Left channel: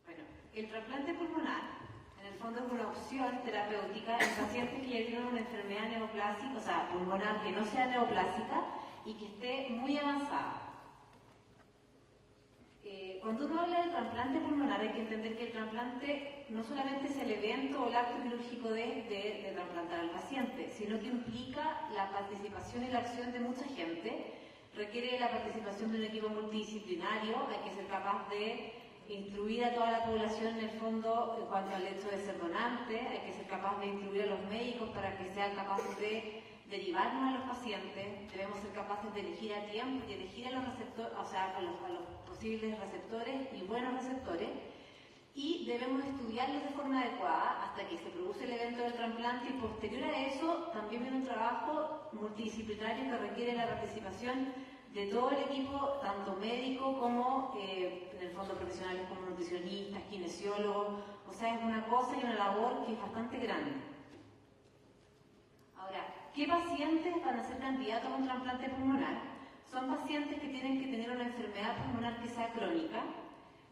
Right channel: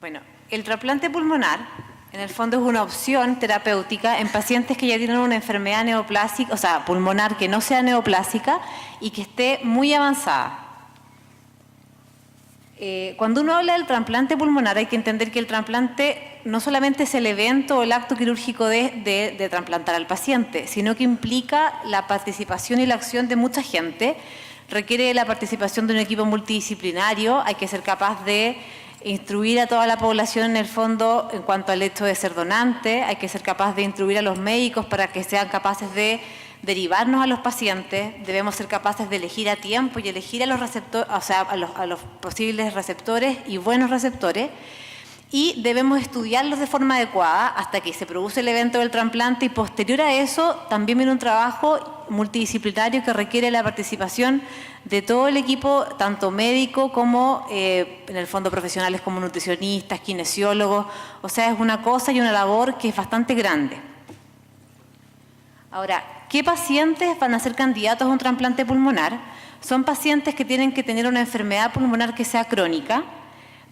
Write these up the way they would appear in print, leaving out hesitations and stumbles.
Bueno, el trasplante pulmonar, en el fondo, es una opción terapéutica en pacientes que ya tienen una enfermedad neoplásica, o sea, pulmonar que no sea neoplásica y que esté muy avanzada. Cuando uno habla del trasplante pulmonar, hay que entender que el trasplante no solamente es el evento o el acto quirúrgico de trasplantar al paciente, sino que implica la participación y la acción de mucha gente, requiere la participación de un equipo multidisciplinario, hay que ser capaz de instruir a toda la población en el fondo en cuanto al hecho de ser donante, hay que ser capaz de instruir a los médicos para que sean capaces de derivarnos a los pacientes, debemos ser capaces de elegir a tiempo y elegir a los receptores, o sea, a los posibles receptores y buenos receptores, y debemos estudiarlos de forma adecuada hasta que se produce el evento del trasplante, y posterior a eso también viene un trabajo multidisciplinario que requiere la participación de todo el equipo, tanto médico como en el fondo profesionales como nutricionistas, kinesiólogos, o sea, es una cosa y una labor que es bastante grande. Ahora, ¿qué pacientes van a ser candidatos a un trasplante pulmonar? Son pacientes que tienen que tener una enfermedad pulmonar que sea crónica,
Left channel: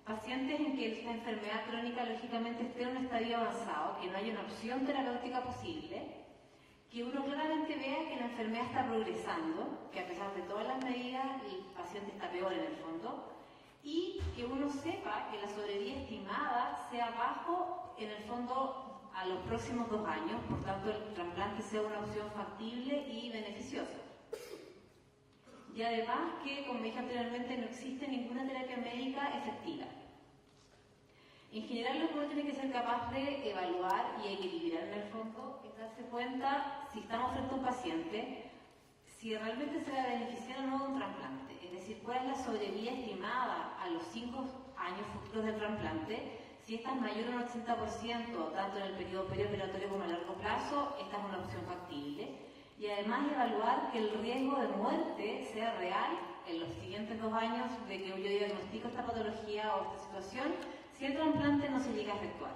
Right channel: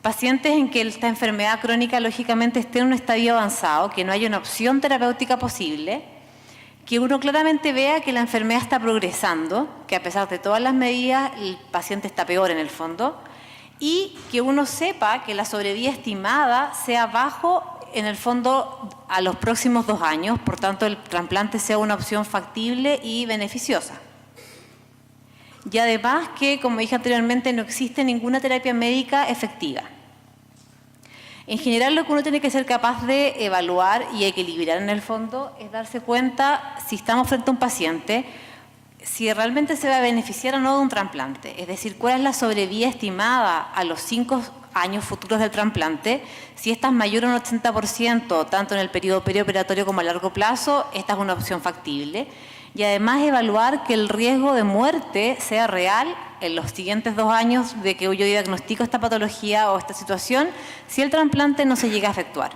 pacientes en que esta enfermedad crónica lógicamente esté en un estadio avanzado, que no haya una opción terapéutica posible, que uno claramente vea que la enfermedad está progresando, que a pesar de todas las medidas el paciente está peor en el fondo, y que uno sepa que la sobrevida estimada sea bajo en el fondo a los próximos 2 años, por tanto el trasplante sea una opción factible y beneficiosa. Y además que, como dije anteriormente, no existe ninguna terapia médica efectiva. En general, lo que uno tiene que ser capaz de evaluar y equilibrar en el fondo es darse cuenta si estamos frente a un paciente, si realmente se va a beneficiar o no de un trasplante. Es decir, cuál es la sobrevida estimada a los 5 años futuros del trasplante. Si esta es mayor a un 80%, tanto en el periodo perioperatorio como a largo plazo, esta es una opción factible. Y además evaluar que el riesgo de muerte sea real en los siguientes 2 años de que yo diagnostico esta patología o esta situación, si el trasplante no se llega a efectuar.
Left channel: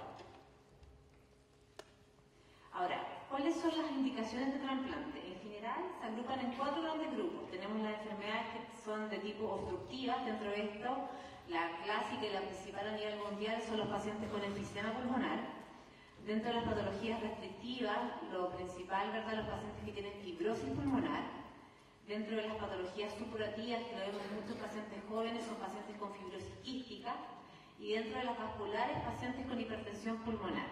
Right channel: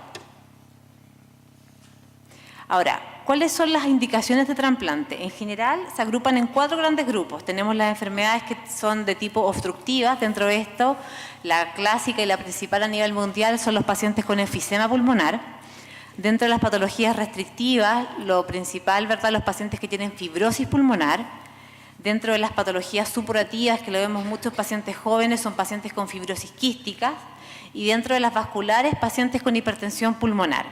Ahora, ¿cuáles son las indicaciones de trasplante? En general se agrupan en 4 grandes grupos. Tenemos las enfermedades que son de tipo obstructivas. Dentro de esto, la clásica y la principal a nivel mundial son los pacientes con enfisema pulmonar. Dentro de las patologías restrictivas, lo principal, ¿verdad?, los pacientes que tienen fibrosis pulmonar. Dentro de las patologías supurativas, que lo vemos muchos pacientes jóvenes, son pacientes con fibrosis quística. Y dentro de las vasculares, pacientes con hipertensión pulmonar.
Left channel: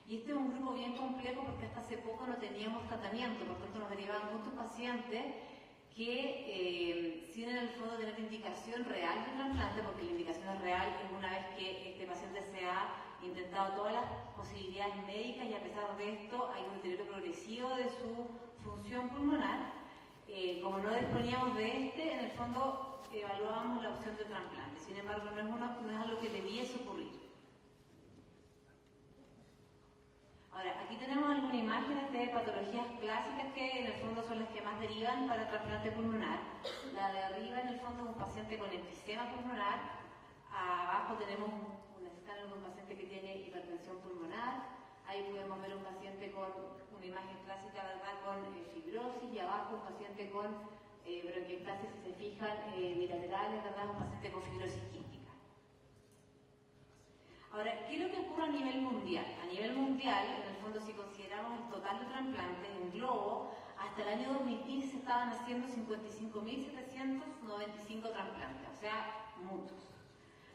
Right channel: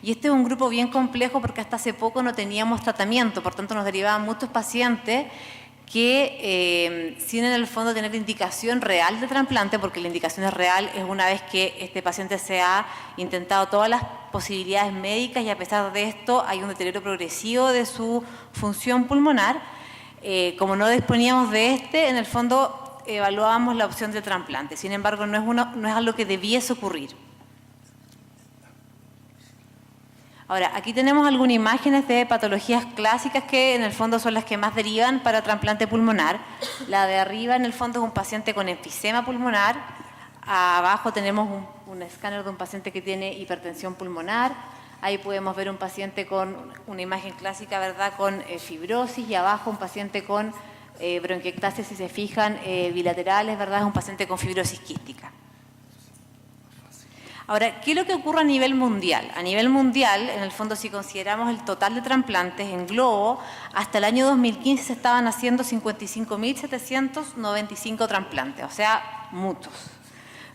Y este es un grupo bien complejo porque hasta hace poco no teníamos tratamiento, por tanto nos derivaban muchos pacientes que sin en el fondo tener indicación real de trasplante, porque la indicación es real es una vez que este paciente se ha intentado todas las posibilidades médicas y a pesar de esto hay un deterioro progresivo de su función pulmonar. Como no disponíamos de en el fondo evaluábamos la opción de trasplante. Sin embargo, no es algo que debiese ocurrir. Ahora, aquí tenemos algunas imágenes de patologías clásicas que en el fondo son las que más derivan para trasplante pulmonar. La de arriba en el fondo es un paciente con enfisema pulmonar. Abajo tenemos un escáner de un paciente que tiene hipertensión pulmonar. Ahí podemos ver un paciente con una imagen clásica, ¿verdad?, con fibrosis, y abajo un paciente con bronquiectasis, si se fijan, bilaterales, ¿verdad?, es un paciente con fibrosis quística. Ahora, ¿qué es lo que ocurre a nivel mundial? A nivel mundial, en el fondo, si consideramos el total de trasplantes en globo, hasta el año 2015 se estaban haciendo 55.795 trasplantes, o sea, muchos.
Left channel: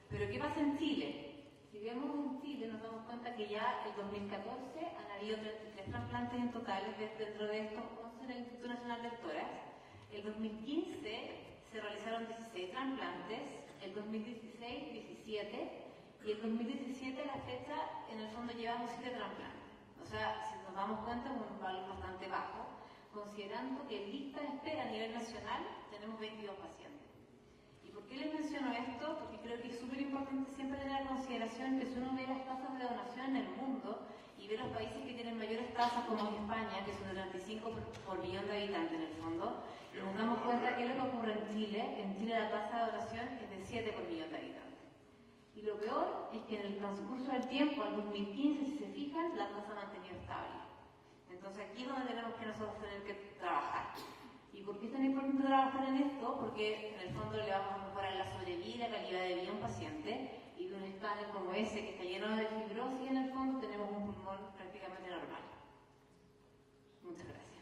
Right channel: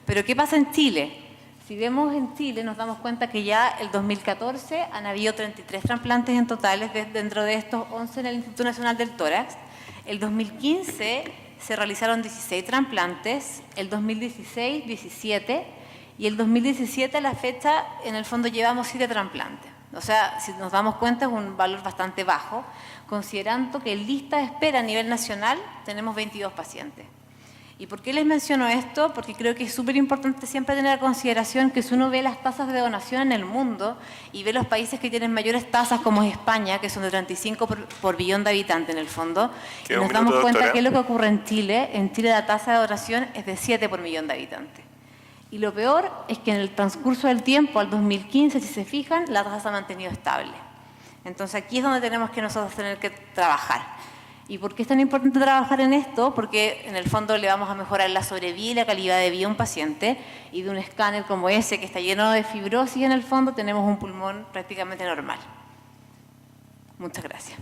Pero ¿qué pasa en Chile? Si vemos en Chile, nos damos cuenta que ya el 2014 han habido 33 trasplantes en totales, dentro de estos 11 en el Instituto Nacional del Tórax. El 2015 se realizaron 16 trasplantes, el 2016 17, y el 2017 a la fecha, en el fondo, llevamos 7 trasplantes. O sea, si nos damos cuenta, es un valor bastante bajo, considerando que en lista de espera a nivel nacional tenemos 22 pacientes. ¿Y por qué les menciono esto? Porque creo que es súper importante siempre tener en consideración que si uno ve las tasas de donación en el mundo y ve los países que tienen mayores tasas, como es España, que son de 35 por billón de habitantes en el fondo, y nos damos cuenta que es lo que ocurre en Chile. En Chile la tasa de donación es de 7 por millón de habitantes. Y lo peor es que en el transcurso del tiempo, al 2015, si se fijan, la tasa se ha mantenido estable. Entonces aquí es donde tenemos que nosotros tener que trabajar. ¿Y por qué es tan importante trabajar en esto? Porque en el fondo le vamos a mejorar la sobrevida y la calidad de vida a un paciente, y de un escáner como ese que está lleno de fibrosis en el fondo tenemos un pulmón prácticamente normal. Muchas gracias.